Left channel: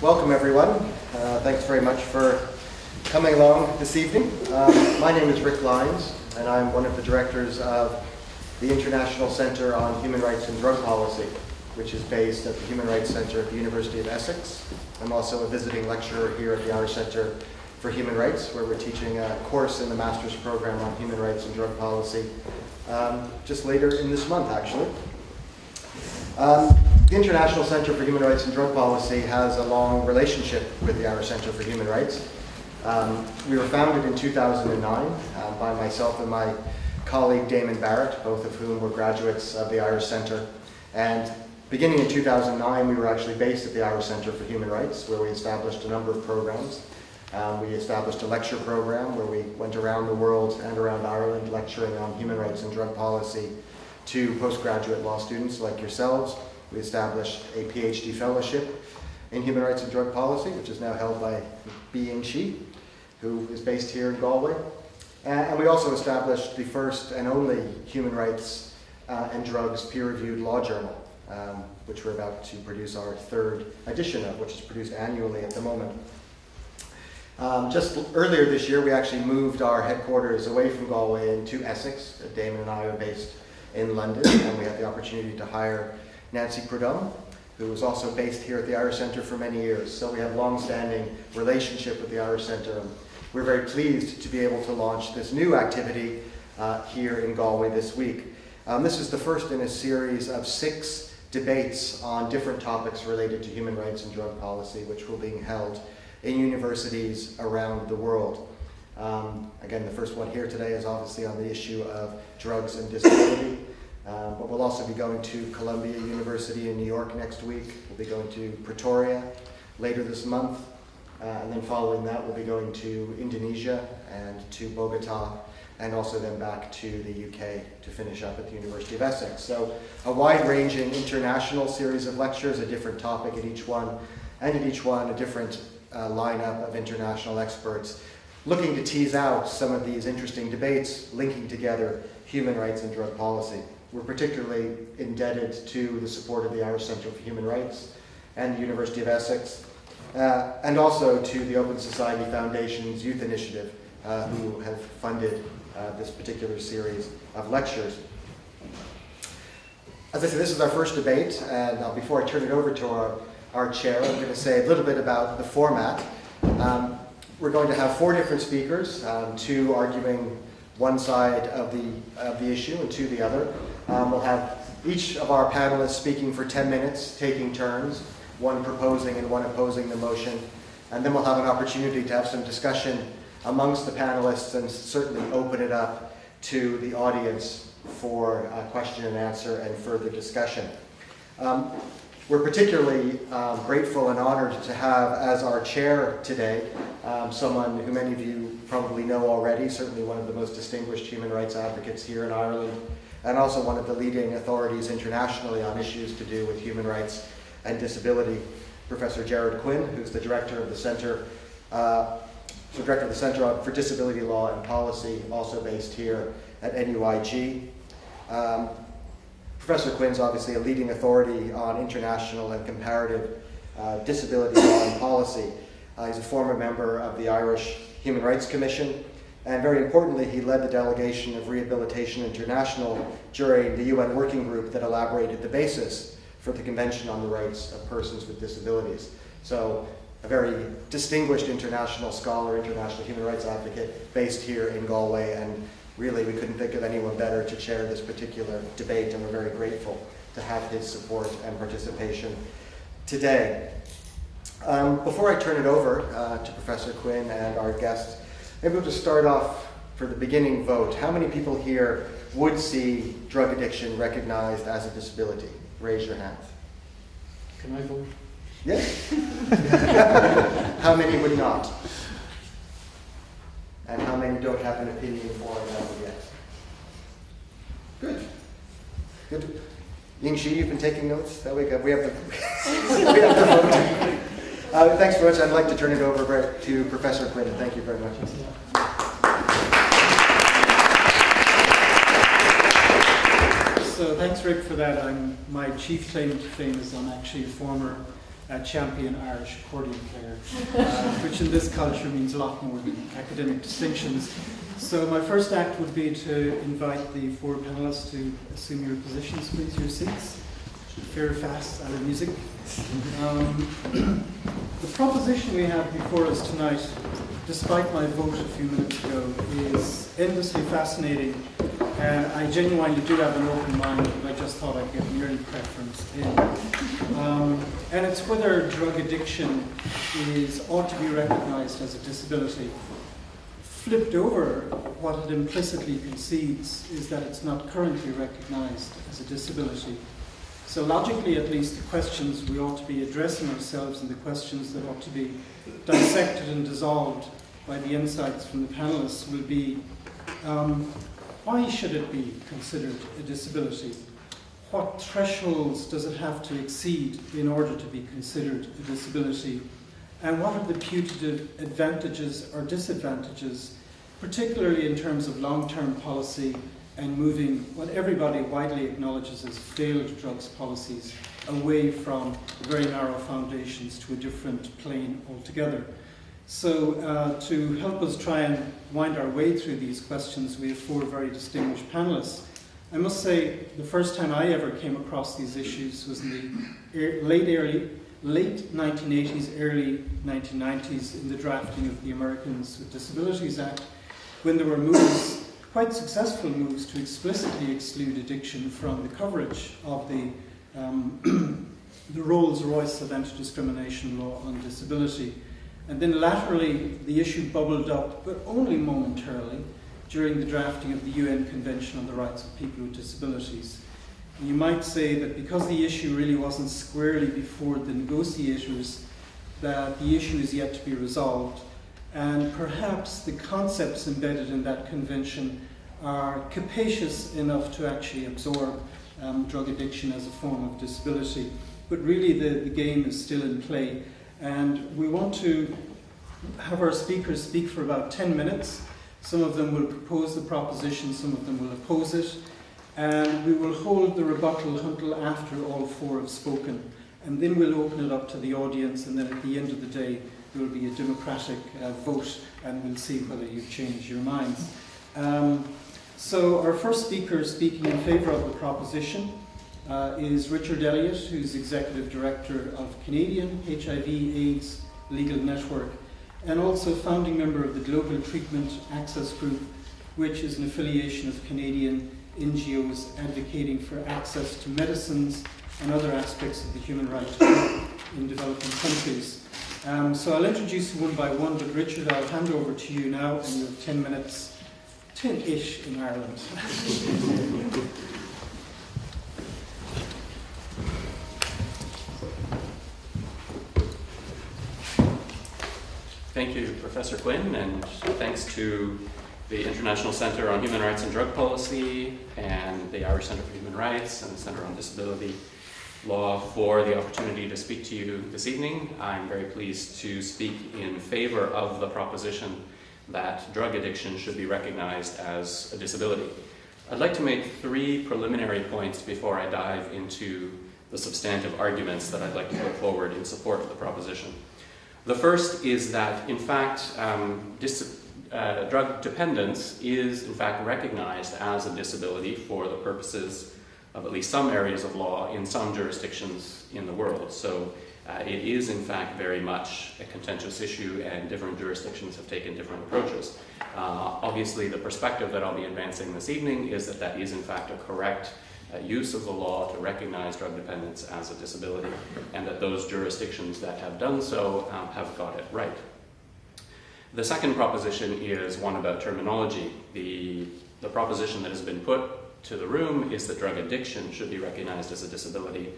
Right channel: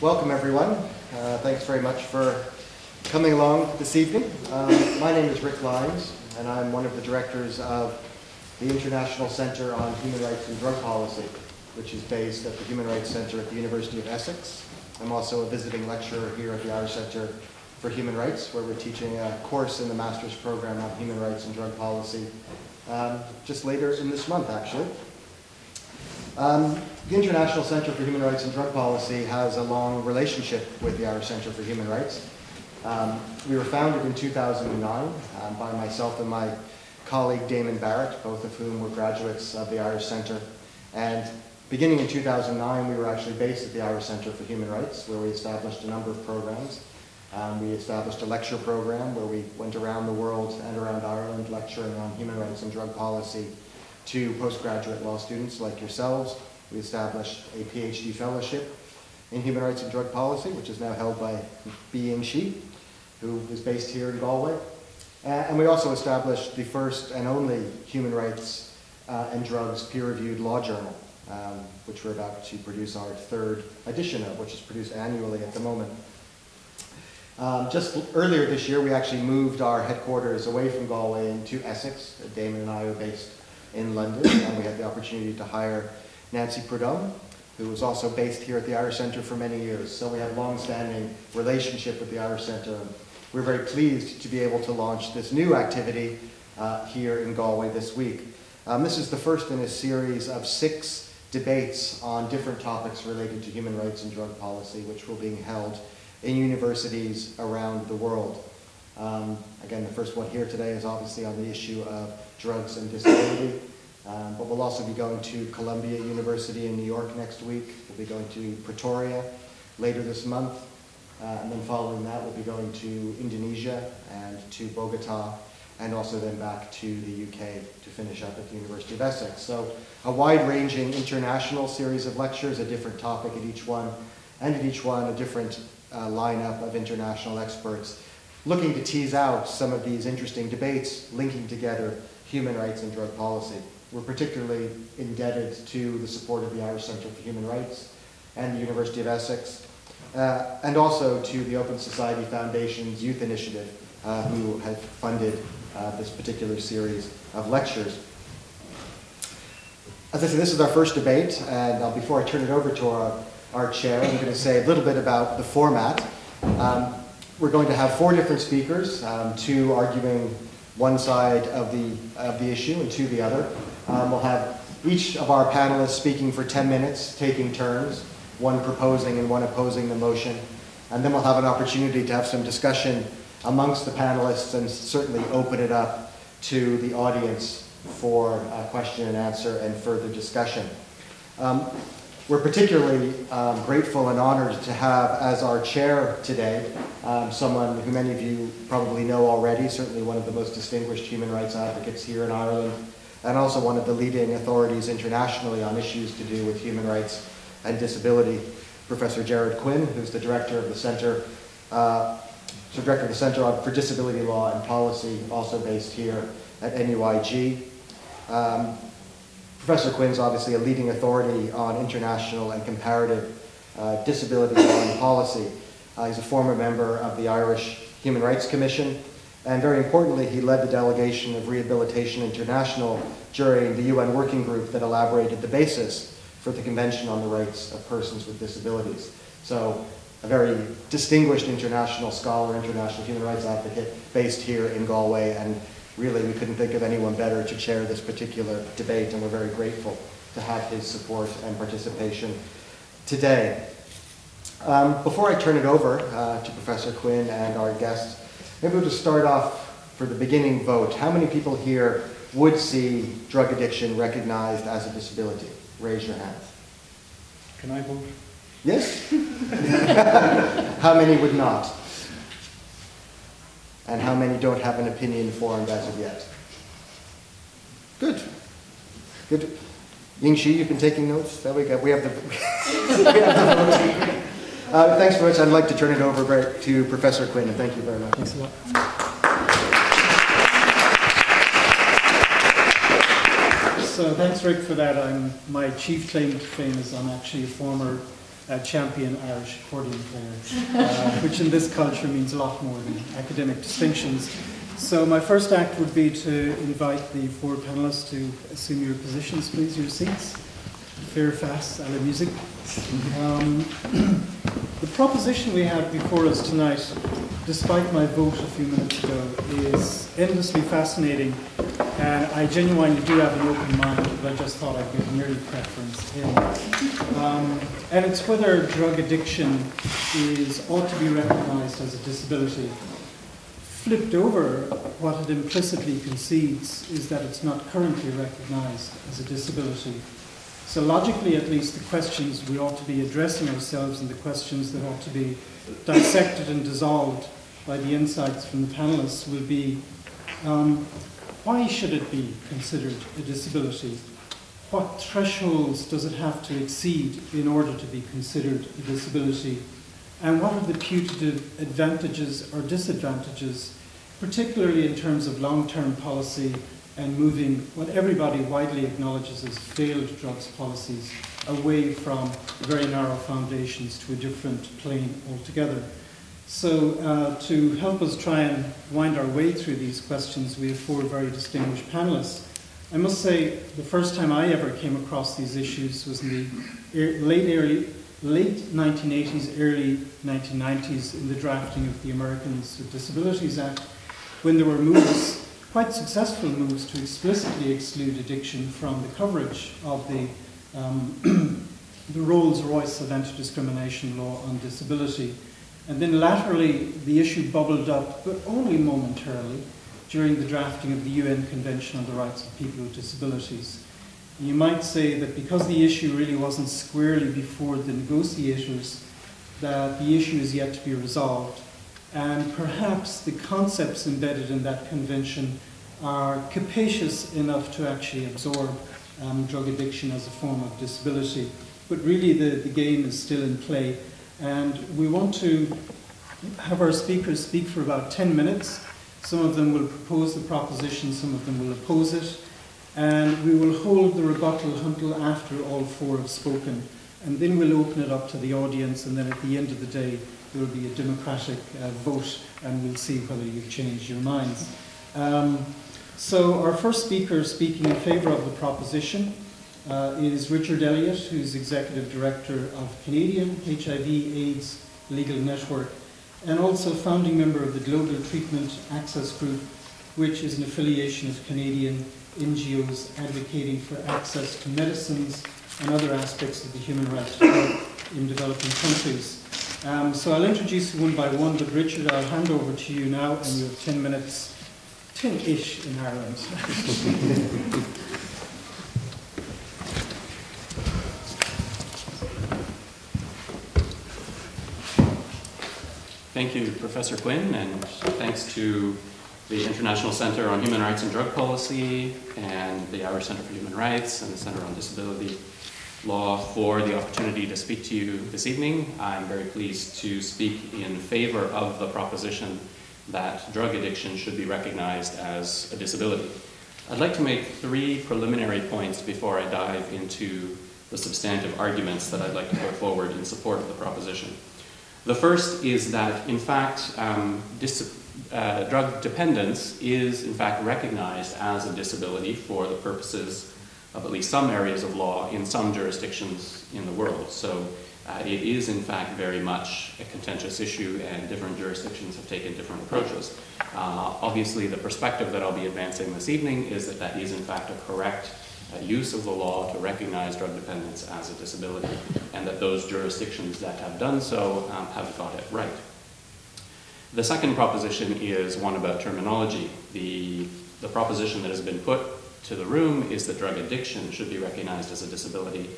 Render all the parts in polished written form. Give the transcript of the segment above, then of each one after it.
Welcome, everyone. Thanks very much for coming along this evening. My name is Rick Lyons, and I'm one of the directors of the International Center on Human Rights and Drug Policy, which is based at the Human Rights Center at the University of Essex. I'm also a visiting lecturer here at the Irish Center for Human Rights, where we're teaching a course in the master's program on human rights and drug policy just later in this month, actually. The International Center for Human Rights and Drug Policy has a long relationship with the Irish Center for Human Rights. We were founded in 2009 by myself and my colleague Damon Barrett, both of whom were graduates of the Irish Center. And beginning in 2009, we were actually based at the Irish Center for Human Rights, where we established a number of programs. We established a lecture program where we went around the world and around Ireland lecturing on human rights and drug policy to postgraduate law students like yourselves. We established a PhD fellowship in human rights and drug policy, which is now held by Being She, who is based here in Galway. And we also established the first and only human rights and drugs peer-reviewed law journal, which we're about to produce our third edition of, which is produced annually at the moment. Just earlier this year, we actually moved our headquarters away from Galway into Essex. Damon and I are based in London, and we had the opportunity to hire Nancy Prudhomme, who was also based here at the Irish Center for many years. So we have a long-standing relationship with the Irish Center. We're very pleased to be able to launch this new activity here in Galway this week. This is the first in a series of 6 debates on different topics related to human rights and drug policy, which were being held in universities around the world. Again, the first one here today is obviously on the issue of drugs and disability. But we'll also be going to Columbia University in New York next week. We'll be going to Pretoria later this month. And then following that, we'll be going to Indonesia and to Bogota, and also then back to the UK to finish up at the University of Essex. So a wide-ranging international series of lectures, a different topic at each one, and at each one a different lineup of international experts looking to tease out some of these interesting debates, linking together human rights and drug policy. We're particularly indebted to the support of the Irish Center for Human Rights and the University of Essex, and also to the Open Society Foundation's Youth Initiative, who have funded this particular series of lectures. As I said, this is our first debate, and before I turn it over to our chair, I'm going to say a little bit about the format. We're going to have 4 different speakers, 2 arguing one side of the issue and 2 the other. We'll have each of our panelists speaking for 10 minutes, taking turns, one proposing and one opposing the motion. And then we'll have an opportunity to have some discussion amongst the panelists and certainly open it up to the audience for question and answer and further discussion. We're particularly grateful and honored to have as our chair today someone who many of you probably know already, certainly one of the most distinguished human rights advocates here in Ireland, and also one of the leading authorities internationally on issues to do with human rights and disability, Professor Gerard Quinn, who's the director of the Center for Disability Law and Policy, also based here at NUIG. Professor Quinn's obviously a leading authority on international and comparative disability law and policy. He's a former member of the Irish Human Rights Commission, and very importantly, he led the delegation of Rehabilitation International during the UN working group that elaborated the basis for the Convention on the Rights of Persons with Disabilities. So a very distinguished international scholar, international human rights advocate based here in Galway, and really we couldn't think of anyone better to chair this particular debate, and we're very grateful to have his support and participation today. Before I turn it over to Professor Quinn and our guests, maybe we'll just start off for the beginning vote. How many people here would see drug addiction recognized as a disability? Raise your hand. Can I vote? Yes? How many would not? And how many don't have an opinion formed as of yet? Good. Good. Ying-Shi, you've been taking notes? There we go. We have the, we have the vote. Thanks very much. I'd like to turn it over to Professor Quinn. Thank you very much. Thanks a lot. So thanks, Rick, for that. My chief claim to fame is I'm actually a former champion Irish accordion player, which in this culture means a lot more than academic distinctions. So my first act would be to invite the four panelists to assume your positions, please, your seats. Very fast, and music. The proposition we have before us tonight, despite my vote a few minutes ago, is endlessly fascinating, and I genuinely do have an open mind, but I just thought I'd get an early preference in. And it's whether drug addiction ought to be recognized as a disability. Flipped over, what it implicitly concedes is that it's not currently recognized as a disability. So logically, at least, the questions we ought to be addressing ourselves and the questions that ought to be dissected and dissolved by the insights from the panelists will be, why should it be considered a disability? What thresholds does it have to exceed in order to be considered a disability? And what are the putative advantages or disadvantages, particularly in terms of long-term policy and moving what everybody widely acknowledges as failed drugs policies away from very narrow foundations to a different plane altogether. So to help us try and wind our way through these questions, we have four very distinguished panelists. I must say, the first time I ever came across these issues was in the late 1980s, early 1990s, in the drafting of the Americans with Disabilities Act, when there were moves, quite successful moves, to explicitly exclude addiction from the coverage of the Rolls-Royce of anti-discrimination law on disability. And then laterally, the issue bubbled up, but only momentarily, during the drafting of the UN Convention on the Rights of People with Disabilities. You might say that because the issue really wasn't squarely before the negotiators, that the issue is yet to be resolved. And perhaps the concepts embedded in that convention are capacious enough to actually absorb drug addiction as a form of disability. But really the game is still in play. And we want to have our speakers speak for about 10 minutes. Some of them will propose the proposition, some of them will oppose it. And we will hold the rebuttal until after all four have spoken. And then we'll open it up to the audience, and then at the end of the day, there will be a democratic vote, and we'll see whether you've changed your minds. So our first speaker speaking in favour of the proposition is Richard Elliott, who's Executive Director of Canadian HIV/AIDS Legal Network, and also founding member of the Global Treatment Access Group, which is an affiliation of Canadian NGOs advocating for access to medicines and other aspects of the human rights in developing countries. So I'll introduce you one by one, but Richard, I'll hand over to you now, and you have 10 minutes, 10-ish in Ireland. Thank you, Professor Quinn, and thanks to the International Center on Human Rights and Drug Policy and the Irish Center for Human Rights and the Center on Disability Law for the opportunity to speak to you this evening. I'm very pleased to speak in favor of the proposition that drug addiction should be recognized as a disability. I'd like to make three preliminary points before I dive into the substantive arguments that I'd like to put forward in support of the proposition. The first is that, in fact, drug dependence is, in fact, recognized as a disability for the purposes of at least some areas of law in some jurisdictions in the world. So it is, in fact, very much a contentious issue, and different jurisdictions have taken different approaches. Obviously, the perspective that I'll be advancing this evening is that that is, in fact, a correct use of the law to recognize drug dependence as a disability, and that those jurisdictions that have done so have got it right. The second proposition is one about terminology. The proposition that has been put to the room is that drug addiction should be recognized as a disability,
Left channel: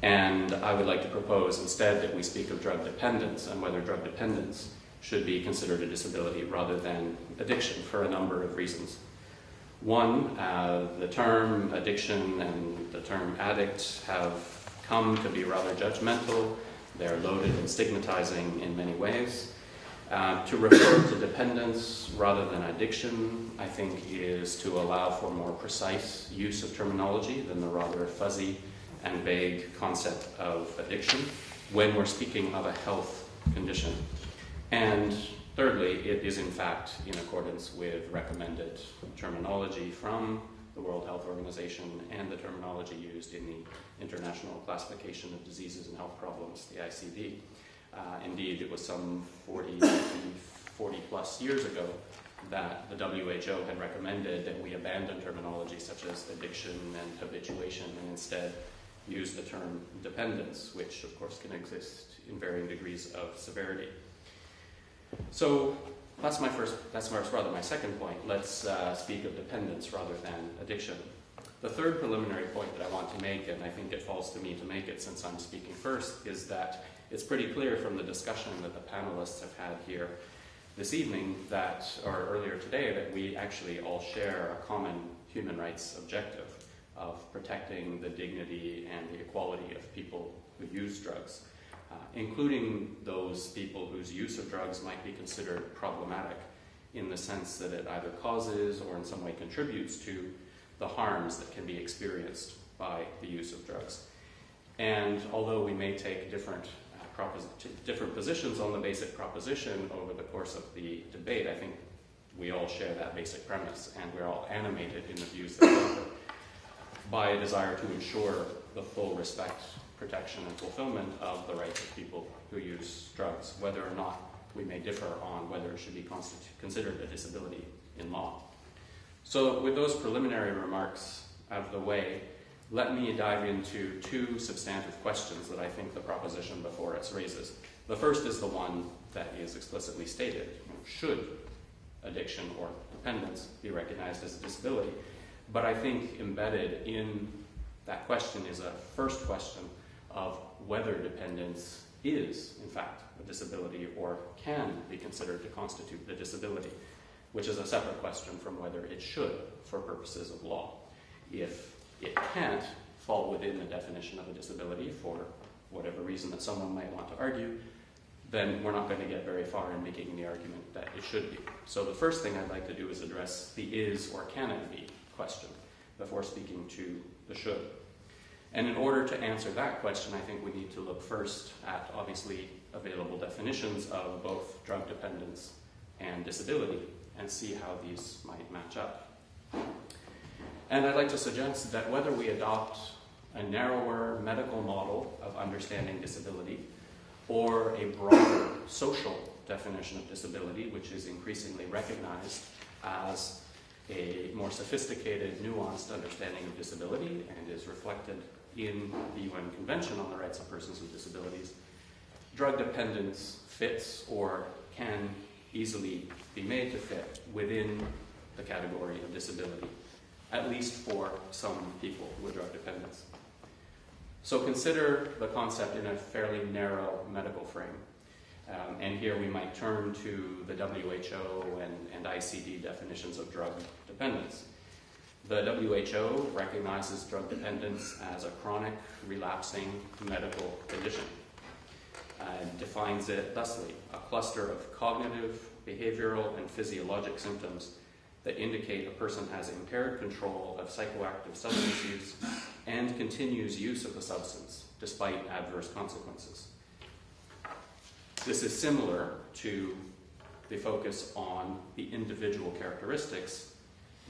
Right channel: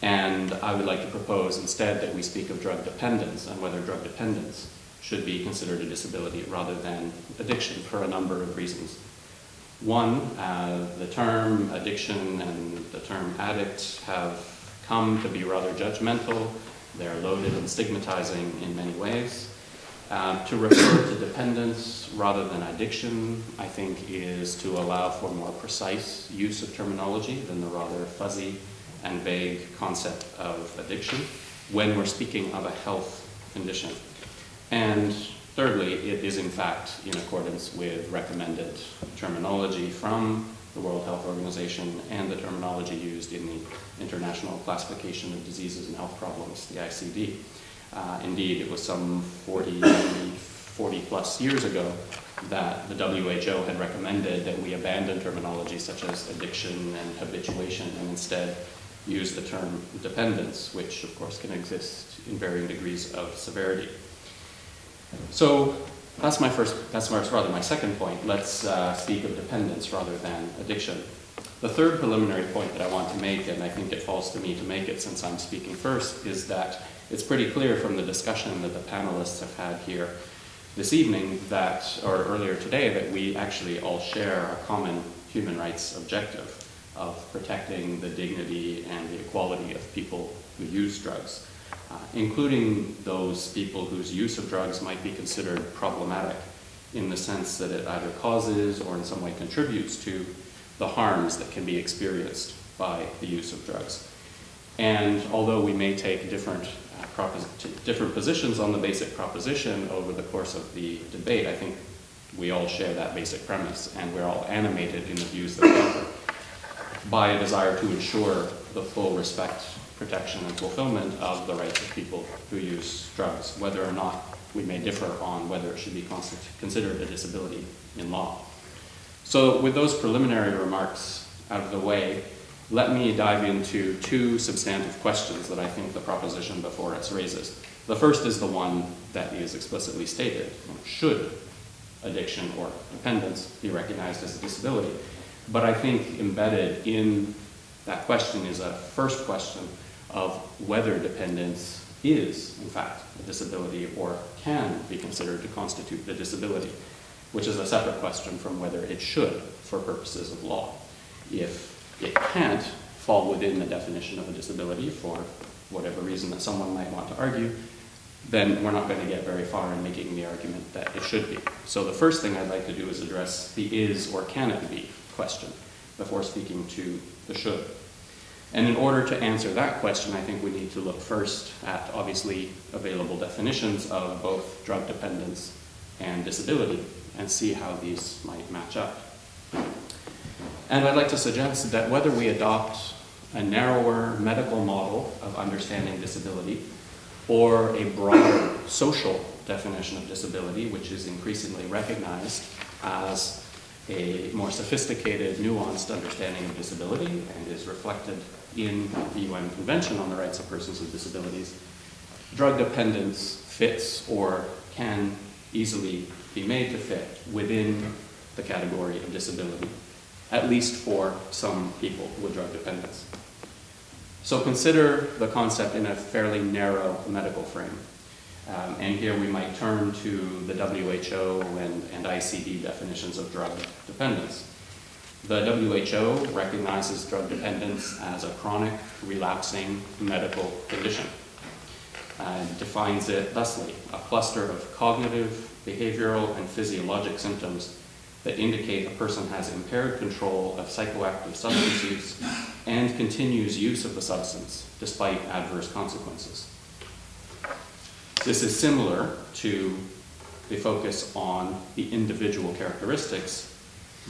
and I would like to propose instead that we speak of drug dependence and whether drug dependence should be considered a disability rather than addiction, for a number of reasons. One, the term addiction and the term addict have come to be rather judgmental. They're loaded and stigmatizing in many ways. To refer to dependence rather than addiction, I think, is to allow for more precise use of terminology than the rather fuzzy and vague concept of addiction. when we're speaking of a health condition. And thirdly, it is in fact in accordance with recommended terminology from the World Health Organization and the terminology used in the International Classification of Diseases and Health Problems, the ICD. Indeed, it was some 40 plus years ago that the WHO had recommended that we abandon terminology such as addiction and habituation and instead use the term dependence, which of course can exist in varying degrees of severity. So that's rather my second point. Let's speak of dependence rather than addiction. The third preliminary point that I want to make, and I think it falls to me to make it since I'm speaking first, is that it's pretty clear from the discussion that the panelists have had here this evening or earlier today, that we actually all share a common human rights objective of protecting the dignity and the equality of people who use drugs, including those people whose use of drugs might be considered problematic in the sense that it either causes or in some way contributes to the harms that can be experienced by the use of drugs. And although we may take different positions on the basic proposition over the course of the debate, I think we all share that basic premise, and we're all animated in the views that we offer by a desire to ensure the full respect, protection, and fulfillment of the rights of people who use drugs, whether or not we may differ on whether it should be considered a disability in law. So with those preliminary remarks out of the way, let me dive into two substantive questions that I think the proposition before us raises. The first is the one that is explicitly stated. Should addiction or dependence be recognized as a disability? But I think embedded in that question is a first question of whether dependence is, in fact, a disability or can be considered to constitute a disability, which is a separate question from whether it should for purposes of law. If it can't fall within the definition of a disability for whatever reason that someone might want to argue, then we're not going to get very far in making the argument that it should be. So the first thing I'd like to do is address the is or can it be question before speaking to the should. And in order to answer that question, I think we need to look first at obviously available definitions of both drug dependence and disability and see how these might match up. And I'd like to suggest that whether we adopt a narrower medical model of understanding disability or a broader social definition of disability, which is increasingly recognized as a more sophisticated, nuanced understanding of disability and is reflected in the UN Convention on the Rights of Persons with Disabilities, drug dependence fits or can easily be made to fit within the category of disability, at least for some people with drug dependence. So consider the concept in a fairly narrow medical frame. And here we might turn to the WHO and ICD definitions of drug dependence. The WHO recognizes drug dependence as a chronic, relapsing medical condition. It defines it thusly: a cluster of cognitive, behavioral, and physiologic symptoms that indicate a person has impaired control of psychoactive substance use and continues use of the substance despite adverse consequences. This is similar to the focus on the individual characteristics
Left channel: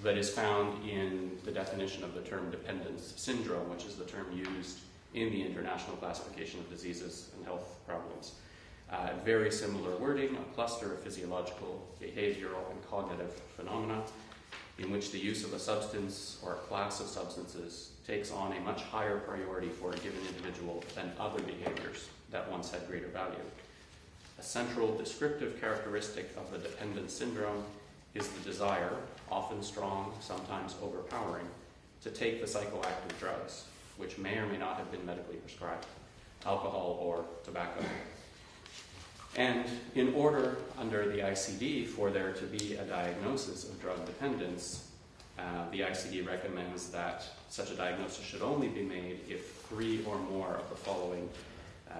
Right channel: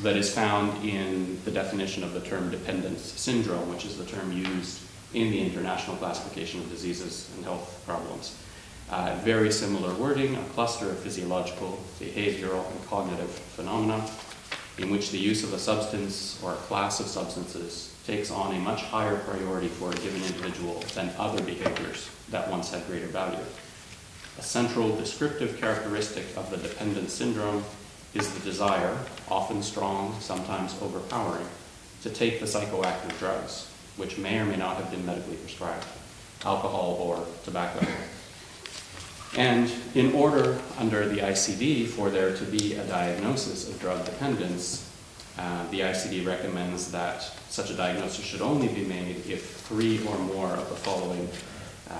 that is found in the definition of the term dependence syndrome, which is the term used in the International Classification of Diseases and Health Problems. Very similar wording: a cluster of physiological, behavioral, and cognitive phenomena in which the use of a substance or a class of substances takes on a much higher priority for a given individual than other behaviors that once had greater value. A central descriptive characteristic of the dependence syndrome is the desire, often strong, sometimes overpowering, to take the psychoactive drugs, which may or may not have been medically prescribed, alcohol or tobacco. And in order, under the ICD, for there to be a diagnosis of drug dependence, the ICD recommends that such a diagnosis should only be made if 3 or more of the following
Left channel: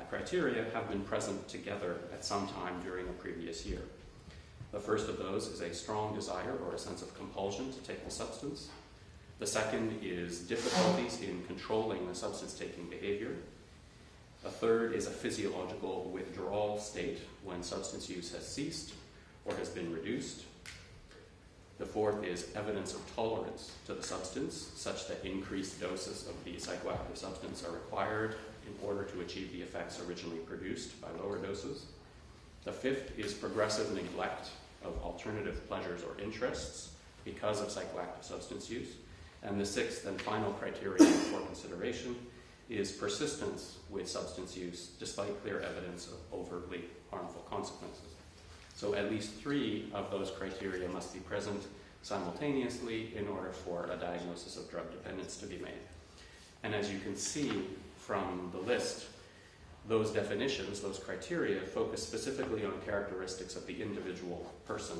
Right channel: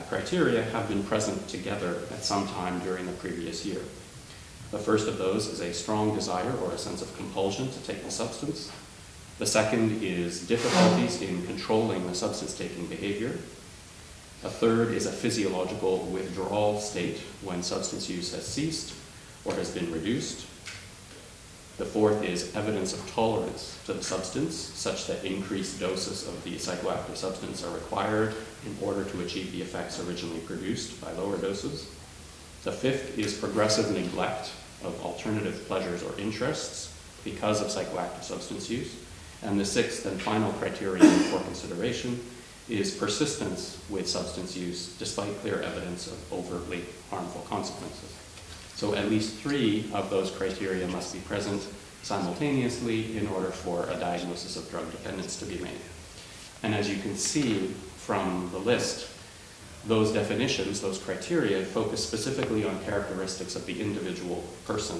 criteria have been present together at some time during the previous year. The first of those is a strong desire or a sense of compulsion to take the substance. The second is difficulties in controlling the substance-taking behavior. A third is a physiological withdrawal state when substance use has ceased or has been reduced. The fourth is evidence of tolerance to the substance, such that increased doses of the psychoactive substance are required in order to achieve the effects originally produced by lower doses. The fifth is progressive neglect of alternative pleasures or interests because of psychoactive substance use. And the sixth and final criterion for consideration is persistence with substance use despite clear evidence of overtly harmful consequences. So at least three of those criteria must be present simultaneously in order for a diagnosis of drug dependence to be made. And as you can see from the list, those definitions, those criteria, focus specifically on characteristics of the individual person,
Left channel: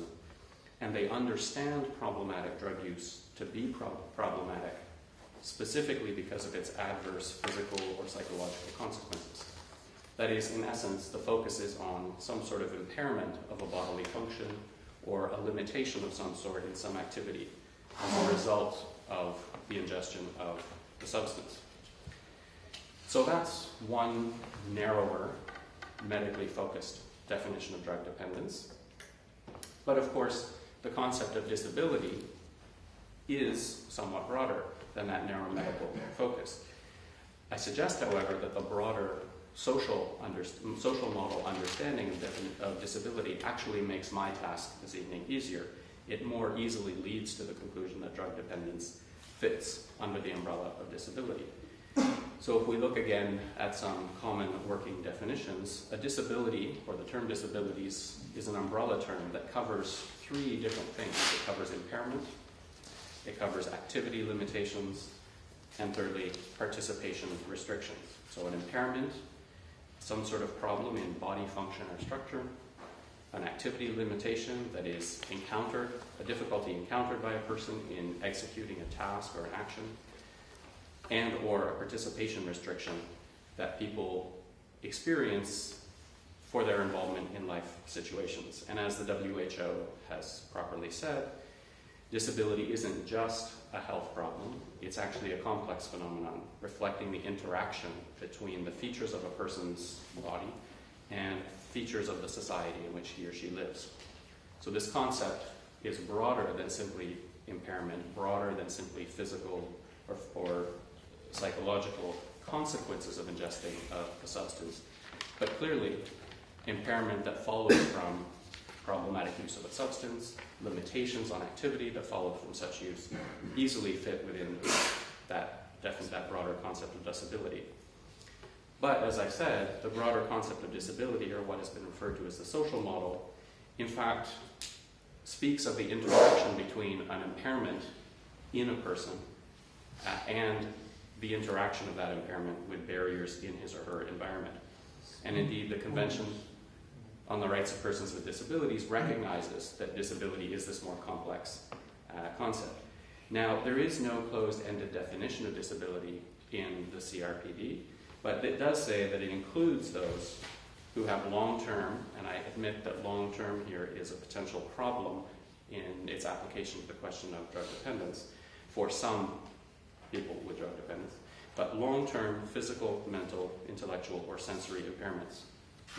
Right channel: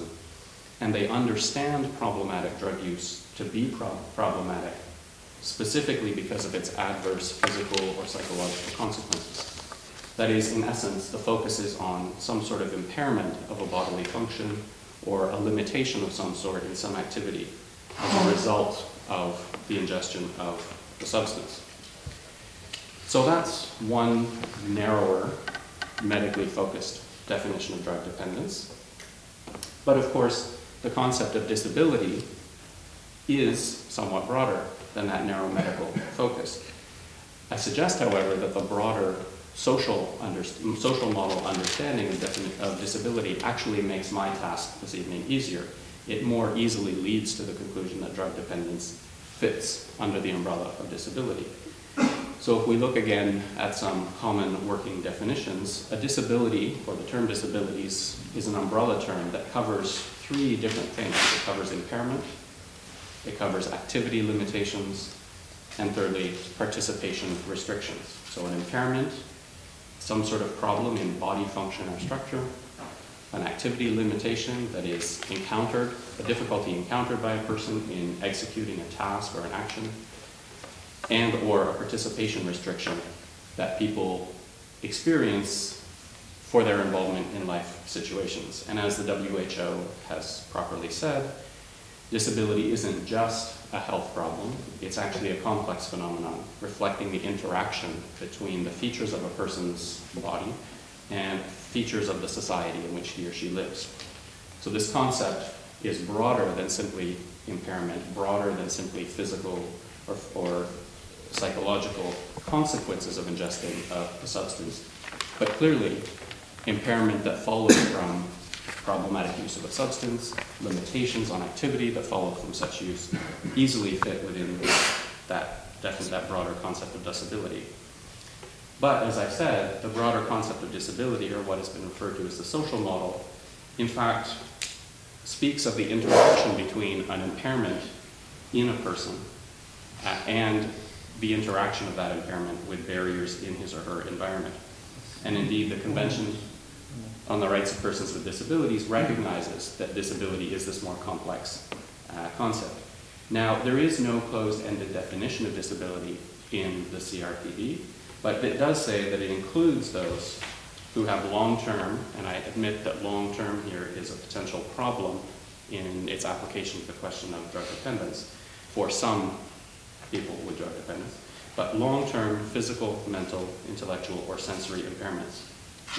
and they understand problematic drug use to be problematic specifically because of its adverse physical or psychological consequences. That is, in essence, the focus is on some sort of impairment of a bodily function or a limitation of some sort in some activity as a result of the ingestion of the substance. So that's one narrower, medically focused definition of drug dependence. But of course, the concept of disability is somewhat broader than that narrow medical focus. I suggest, however, that the broader social model understanding of disability actually makes my task this evening easier. It more easily leads to the conclusion that drug dependence fits under the umbrella of disability. So if we look again at some common working definitions, a disability, or the term disabilities, is an umbrella term that covers three different things. It covers impairment, it covers activity limitations, and thirdly, participation restrictions. So an impairment, some sort of problem in body function or structure, an activity limitation that is encountered, a difficulty encountered by a person in executing a task or an action, and or a participation restriction that people experience for their involvement in life situations. And as the WHO has properly said, disability isn't just a health problem, it's actually a complex phenomenon reflecting the interaction between the features of a person's body and features of the society in which he or she lives. So this concept is broader than simply impairment, broader than simply physical or psychological consequences of ingesting the substance, but clearly impairment that follows from problematic use of a substance, limitations on activity that follow from such use easily fit within that broader concept of disability. But as I said, the broader concept of disability, or what has been referred to as the social model, in fact speaks of the interaction between an impairment in a person and the interaction of that impairment with barriers in his or her environment. And indeed, the Convention on the Rights of Persons with Disabilities recognizes that disability is this more complex concept. Now, there is no closed-ended definition of disability in the CRPD, but it does say that it includes those who have long-term, and I admit that long-term here is a potential problem in its application to the question of drug dependence for some people with drug dependence, but long-term physical, mental, intellectual, or sensory impairments,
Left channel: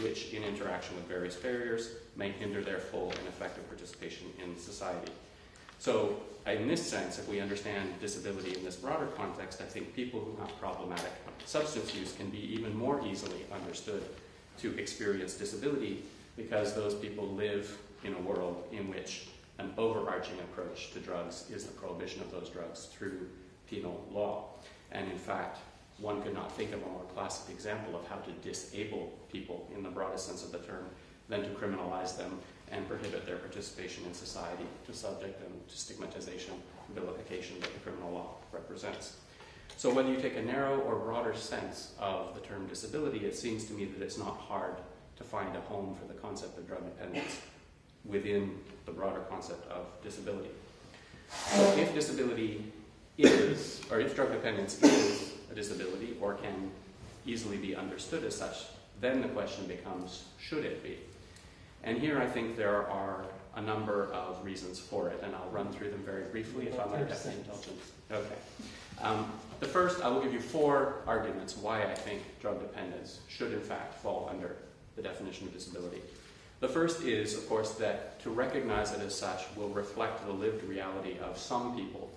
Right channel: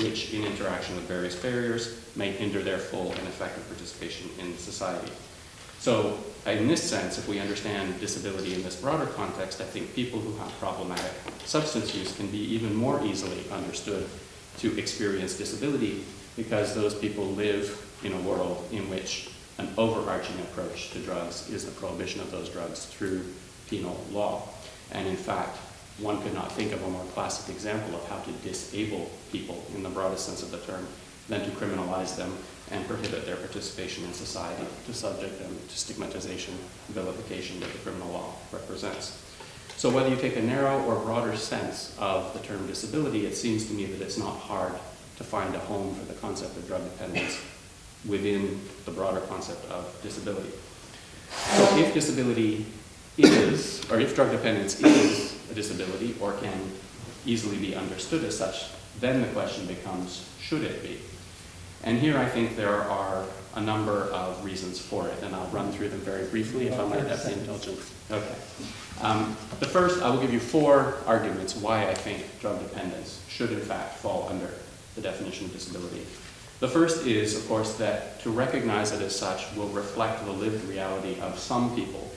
which in interaction with various barriers may hinder their full and effective participation in society. So in this sense, if we understand disability in this broader context, I think people who have problematic substance use can be even more easily understood to experience disability, because those people live in a world in which an overarching approach to drugs is the prohibition of those drugs through penal law. And in fact, one could not think of a more classic example of how to disable people in the broadest sense of the term than to criminalize them and prohibit their participation in society, to subject them to stigmatization, vilification that the criminal law represents. So whether you take a narrow or broader sense of the term disability, it seems to me that it's not hard to find a home for the concept of drug dependence within the broader concept of disability. So if disability is, or if drug dependence is a disability or can easily be understood as such, then the question becomes, should it be? And here I think there are a number of reasons for it, and I'll run through them very briefly if I might have the indulgence. Okay. The first, I will give you 4 arguments why I think drug dependence should in fact fall under the definition of disability. The first is, of course, that to recognize it as such will reflect the lived reality of some people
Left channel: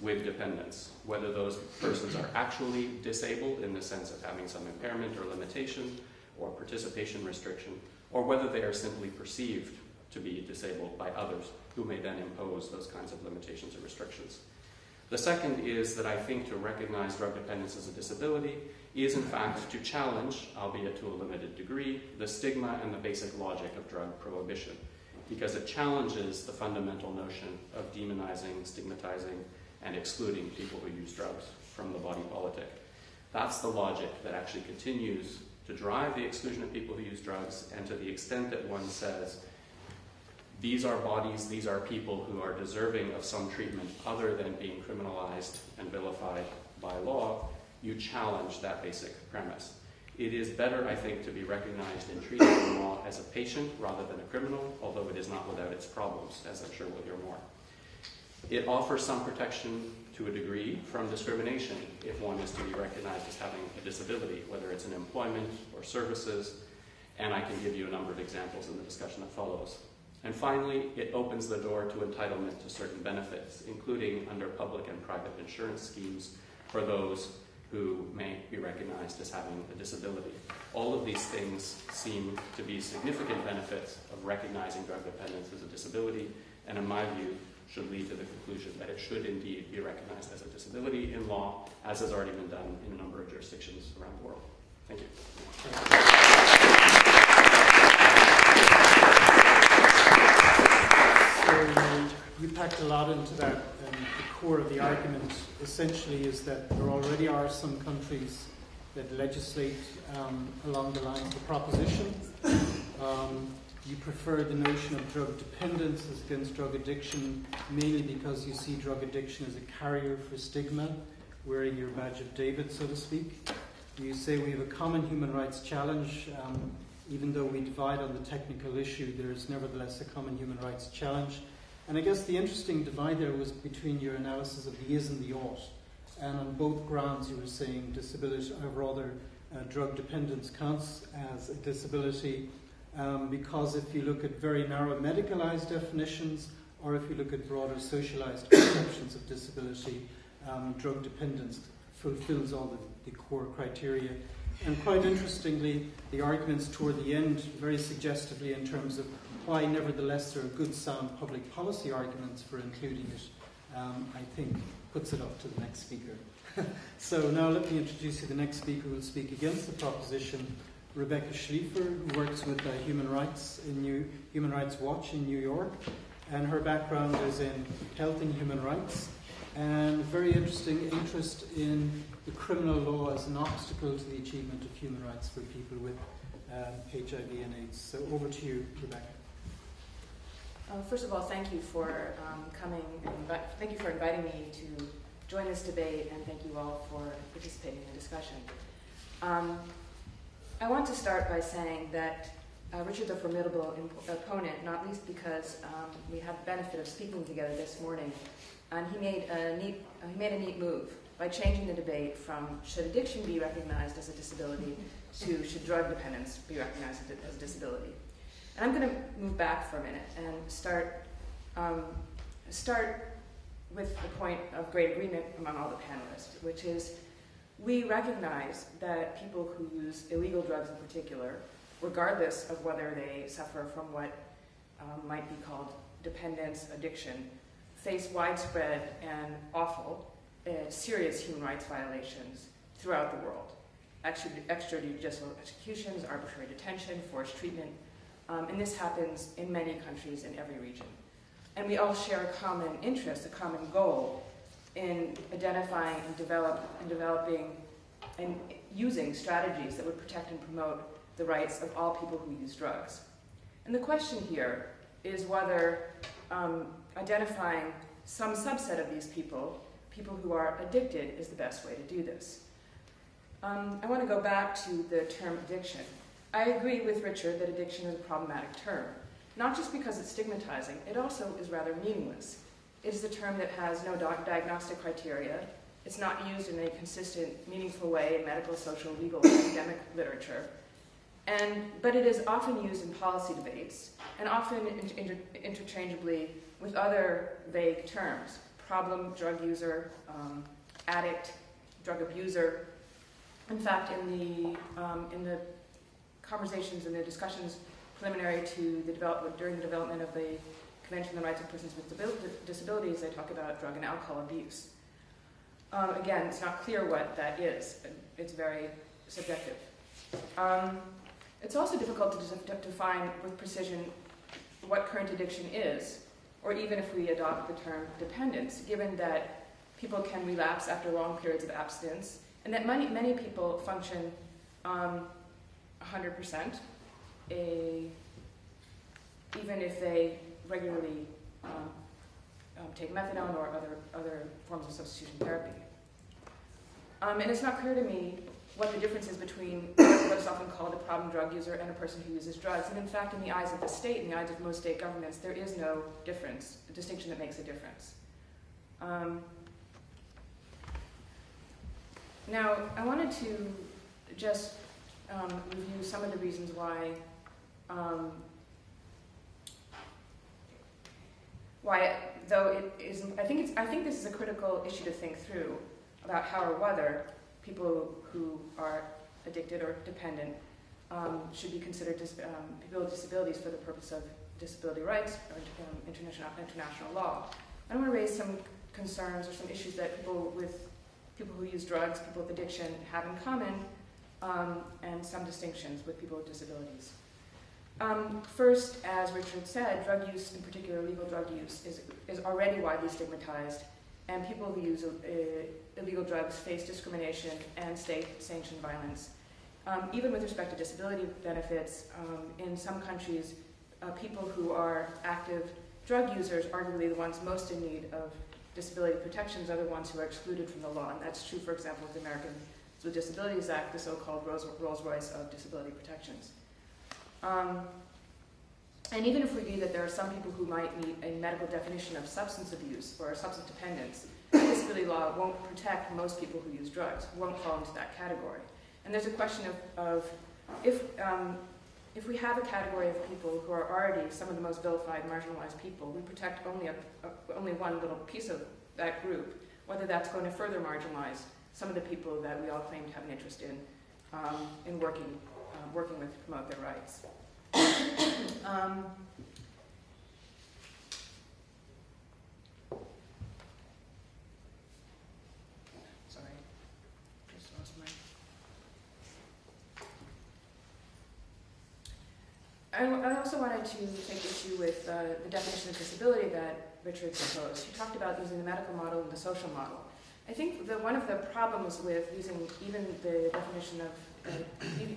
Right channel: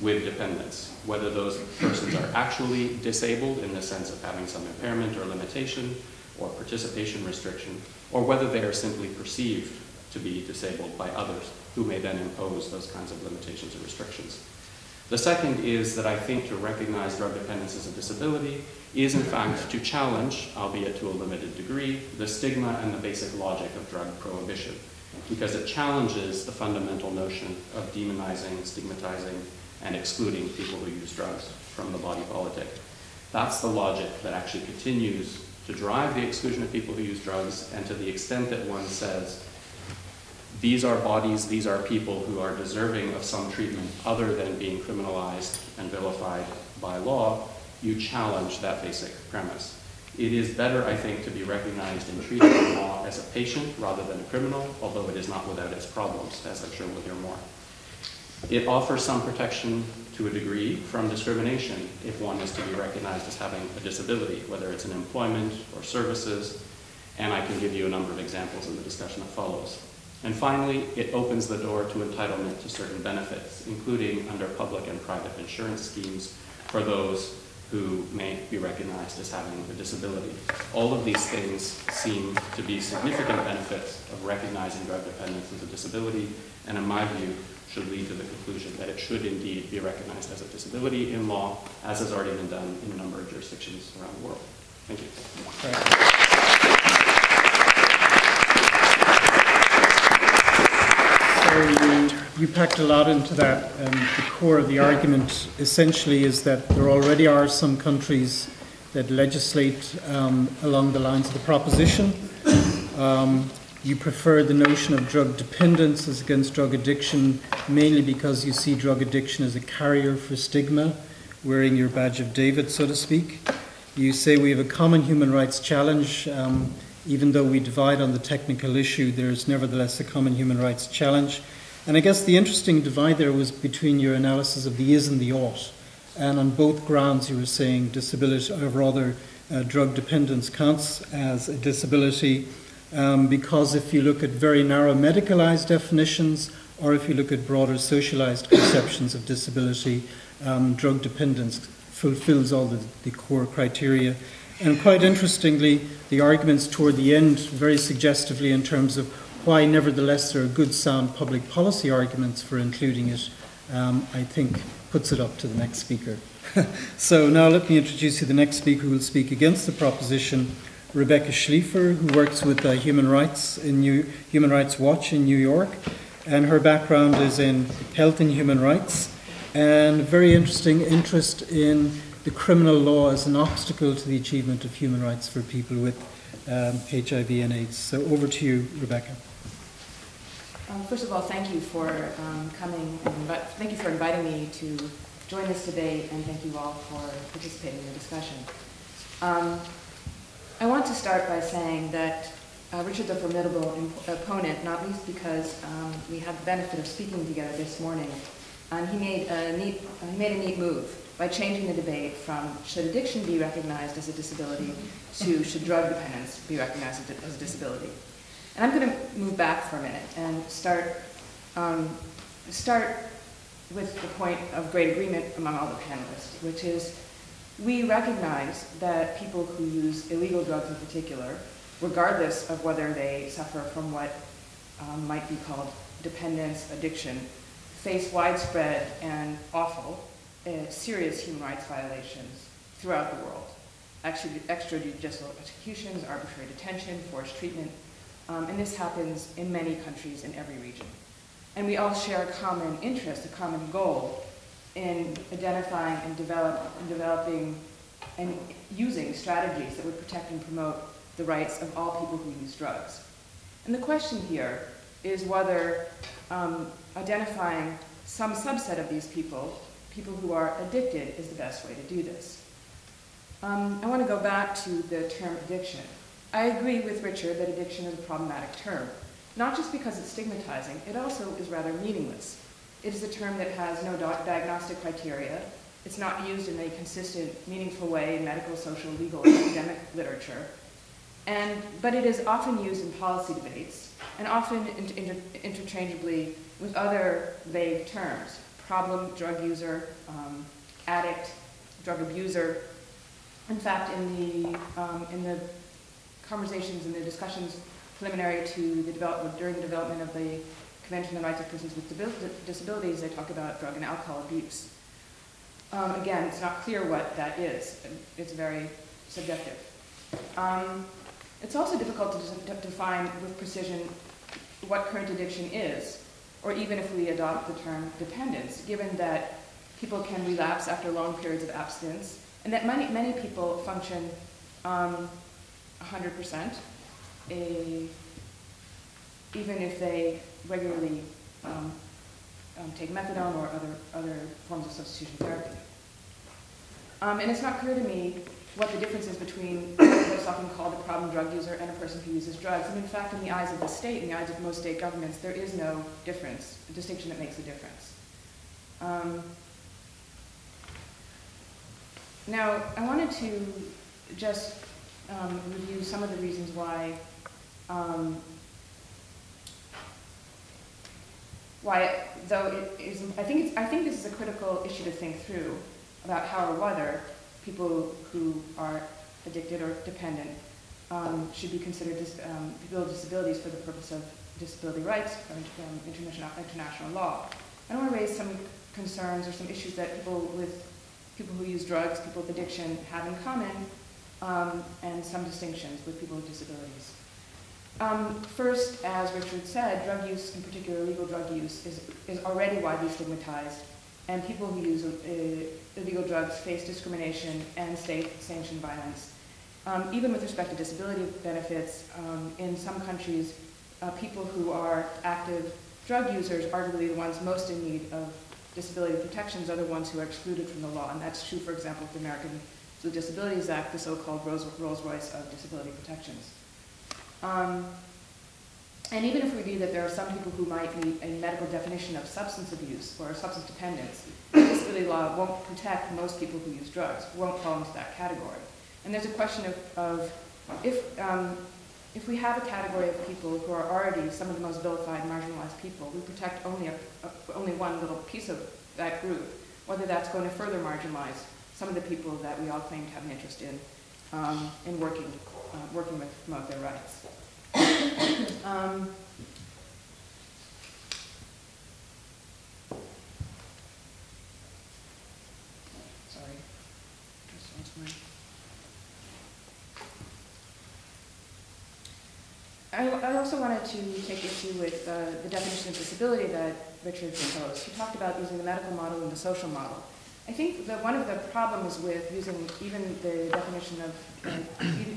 with dependence, whether those persons are actually disabled in the sense of having some impairment or limitation or participation restriction, or whether they are simply perceived to be disabled by others who may then impose those kinds of limitations or restrictions. The second is that I think to recognize drug dependence as a disability is in fact to challenge, albeit to a limited degree, the stigma and the basic logic of drug prohibition, because it challenges the fundamental notion of demonizing, stigmatizing, and excluding people who use drugs from the body politic. That's the logic that actually continues to drive the exclusion of people who use drugs, and to the extent that one says, these are bodies, these are people who are deserving of some treatment other than being criminalized and vilified by law, you challenge that basic premise. It is better, I think, to be recognized and treated in law as a patient rather than a criminal, although it is not without its problems, as I'm sure we'll hear more. It offers some protection to a degree from discrimination if one is to be recognized as having a disability, whether it's in employment or services, and I can give you a number of examples in the discussion that follows. And finally, it opens the door to entitlement to certain benefits, including under public and private insurance schemes for those who may be recognized as having a disability. All of these things seem to be significant benefits of recognizing drug dependence as a disability, and in my view, should lead to the conclusion that it should indeed be recognized as a disability in law, as has already been done in a number of jurisdictions around the world. Thank you. So you packed a lot into that, and the core of the argument essentially is that there already are some countries that legislate along the lines of the proposition. You prefer the notion of drug dependence as against drug addiction, mainly because you see drug addiction as a carrier for stigma, wearing your badge of David, so to speak. You say we have a common human rights challenge. Even though we divide on the technical issue, there is nevertheless a common human rights challenge. And I guess the interesting divide there was between your analysis of the is and the ought. And on both grounds you were saying disability, or rather drug dependence counts as a disability, because if you look at very narrow medicalized definitions, or if you look at broader socialized conceptions of disability, drug dependence fulfills all the core criteria. And quite interestingly, the arguments toward the end, very suggestively in terms of why nevertheless there are good sound public policy arguments for including it, I think puts it up to the next speaker. So now let me introduce you to the next speaker who will speak against the proposition, Rebecca Schliefer, who works with Human Rights Watch in New York, and her background is in health and human rights, and very interesting interest in the criminal law as an obstacle to the achievement of human rights for people with HIV and AIDS. So over to you, Rebecca. First of all, thank you for coming, and thank you for inviting me to join this debate, and thank you all for participating in the discussion. I want to start by saying that Richard's a formidable opponent, not least because we have the benefit of speaking together this morning. And he made a neat move by changing the debate from should addiction be recognized as a disability to should drug dependence be recognized as a disability. And I'm going to move back for a minute and start with the point of great agreement among all the panelists, which is we recognize that people who use illegal drugs in particular, regardless of whether they suffer from what might be called dependence, addiction, face widespread and awful serious human rights violations throughout the world. Extrajudicial executions, arbitrary detention, forced treatment, and this happens in many countries in every region. And we all share a common interest, a common goal in identifying and developing and using strategies that would protect and promote the rights of all people who use drugs. And the question here is whether identifying some subset of these people who are addicted, is the best way to do this. I want to go back to the term addiction. I agree with Richard that addiction is a problematic term, not just because it's stigmatizing, it also is rather meaningless. It is a term that has no diagnostic criteria. It's not used in a consistent, meaningful way in medical, social, legal, academic literature. But it is often used in policy debates, and often interchangeably with other vague terms: problem drug user, addict, drug abuser. In fact, in the conversations and the discussions preliminary to during the development of the Convention on the Rights of Persons with Disabilities, they talk about drug and alcohol abuse. Again, it's not clear what that is. It's very subjective. It's also difficult to define with precision what current addiction is, or even if we adopt the term dependence, given that people can relapse after long periods of abstinence, and that many people function 100%, even if they regularly take methadone or other forms of substitution therapy. And it's not clear to me what the difference is between what's often called a problem drug user and a person who uses drugs. And in fact, in the eyes of the state, in the eyes of most state governments, there is no difference, a distinction that makes a difference. Now, I wanted to just review some of the reasons why though it is, I think this is a critical issue to think through about how or whether people who are addicted or dependent should be considered people with disabilities for the purpose of disability rights or international law. I want to raise some concerns or some issues that people who use drugs, people with addiction, have in common, and some distinctions with people with disabilities. First, as Richard said, drug use, in particular illegal drug use, is already widely stigmatized, and people who use illegal drugs face discrimination and state-sanctioned violence. Even with respect to disability benefits, in some countries, people who are active drug users, arguably the ones most in need of disability protections, are the ones who are excluded from the law. And that's true, for example, of the Americans with Disabilities Act, the so-called Rolls-Royce of disability protections. And even if we view that there are some people who might meet a medical definition of substance abuse or substance dependence, disability law won't protect most people who use drugs, won't fall into that category. And there's a question of if we have a category of people who are already some of the most vilified, marginalized people, we protect only one little piece of that group, whether that's going to further marginalize some of the people that we all claim to have an interest in working with to promote their rights. Sorry, just lost my. I also wanted to take issue with the definition of disability that Richard proposed. He talked about using the medical model and the social model. I think that one of the problems with using even the definition of,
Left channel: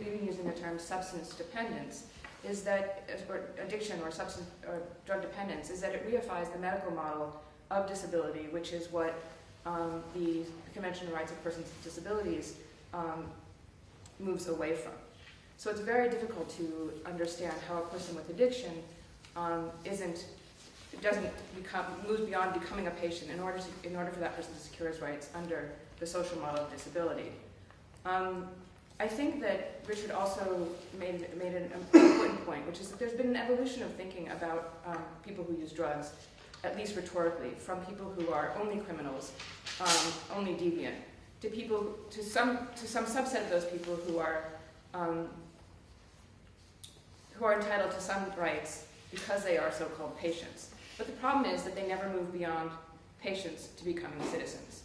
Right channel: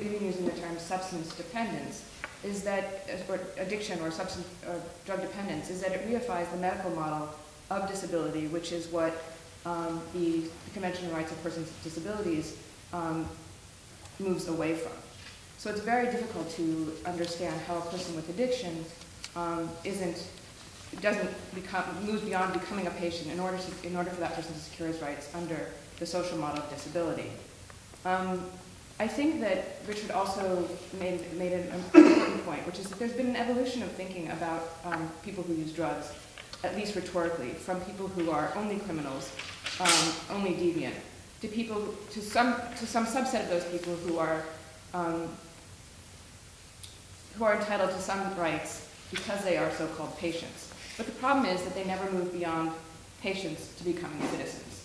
even using the term substance dependence, is that, or addiction or substance or drug dependence, is that it reifies the medical model of disability, which is what the Convention on the Rights of Persons with Disabilities moves away from. So it's very difficult to understand how a person with addiction moves beyond becoming a patient in order for that person to secure his rights under the social model of disability. I think that Richard also made an important point, which is that there's been an evolution of thinking about people who use drugs, at least rhetorically, from people who are only criminals, only deviant, to some subset of those people who are entitled to some rights because they are so-called patients. But the problem is that they never move beyond patients to becoming citizens.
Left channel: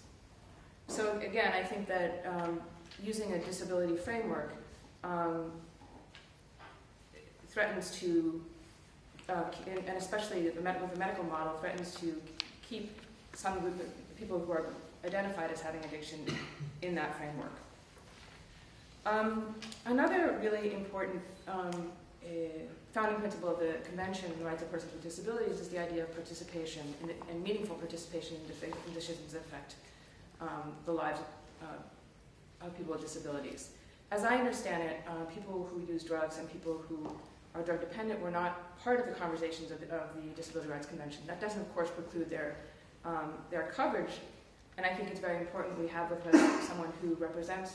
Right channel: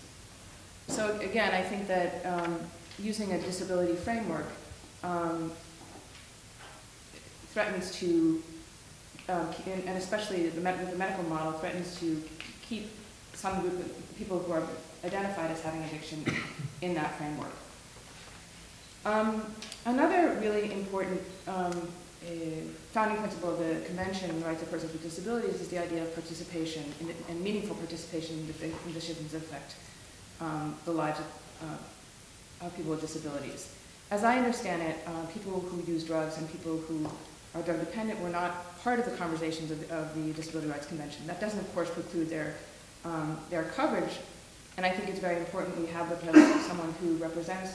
So again, I think that using a disability framework threatens to, and especially the medical model, threatens to keep some group of people who are identified as having addiction in that framework. Another really important founding principle of the Convention on the Rights of Persons with Disabilities is the idea of participation and meaningful participation in decisions that affect the lives of people with disabilities. as I understand it, people who use drugs and people who are drug dependent were not part of the conversations of the Disability Rights Convention. That doesn't, of course, preclude their coverage, and I think it's very important we have the presence of someone who represents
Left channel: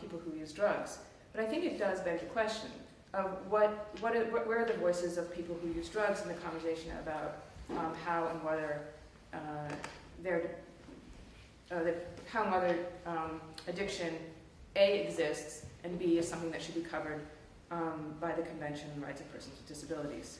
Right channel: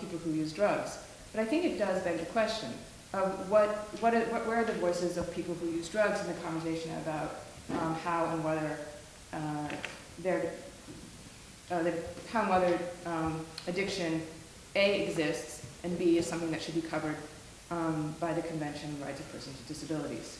people who use drugs. But I think it does beg the question of where are the voices of people who use drugs in the conversation about how and whether addiction A exists and B is something that should be covered by the Convention on the Rights of Persons with Disabilities.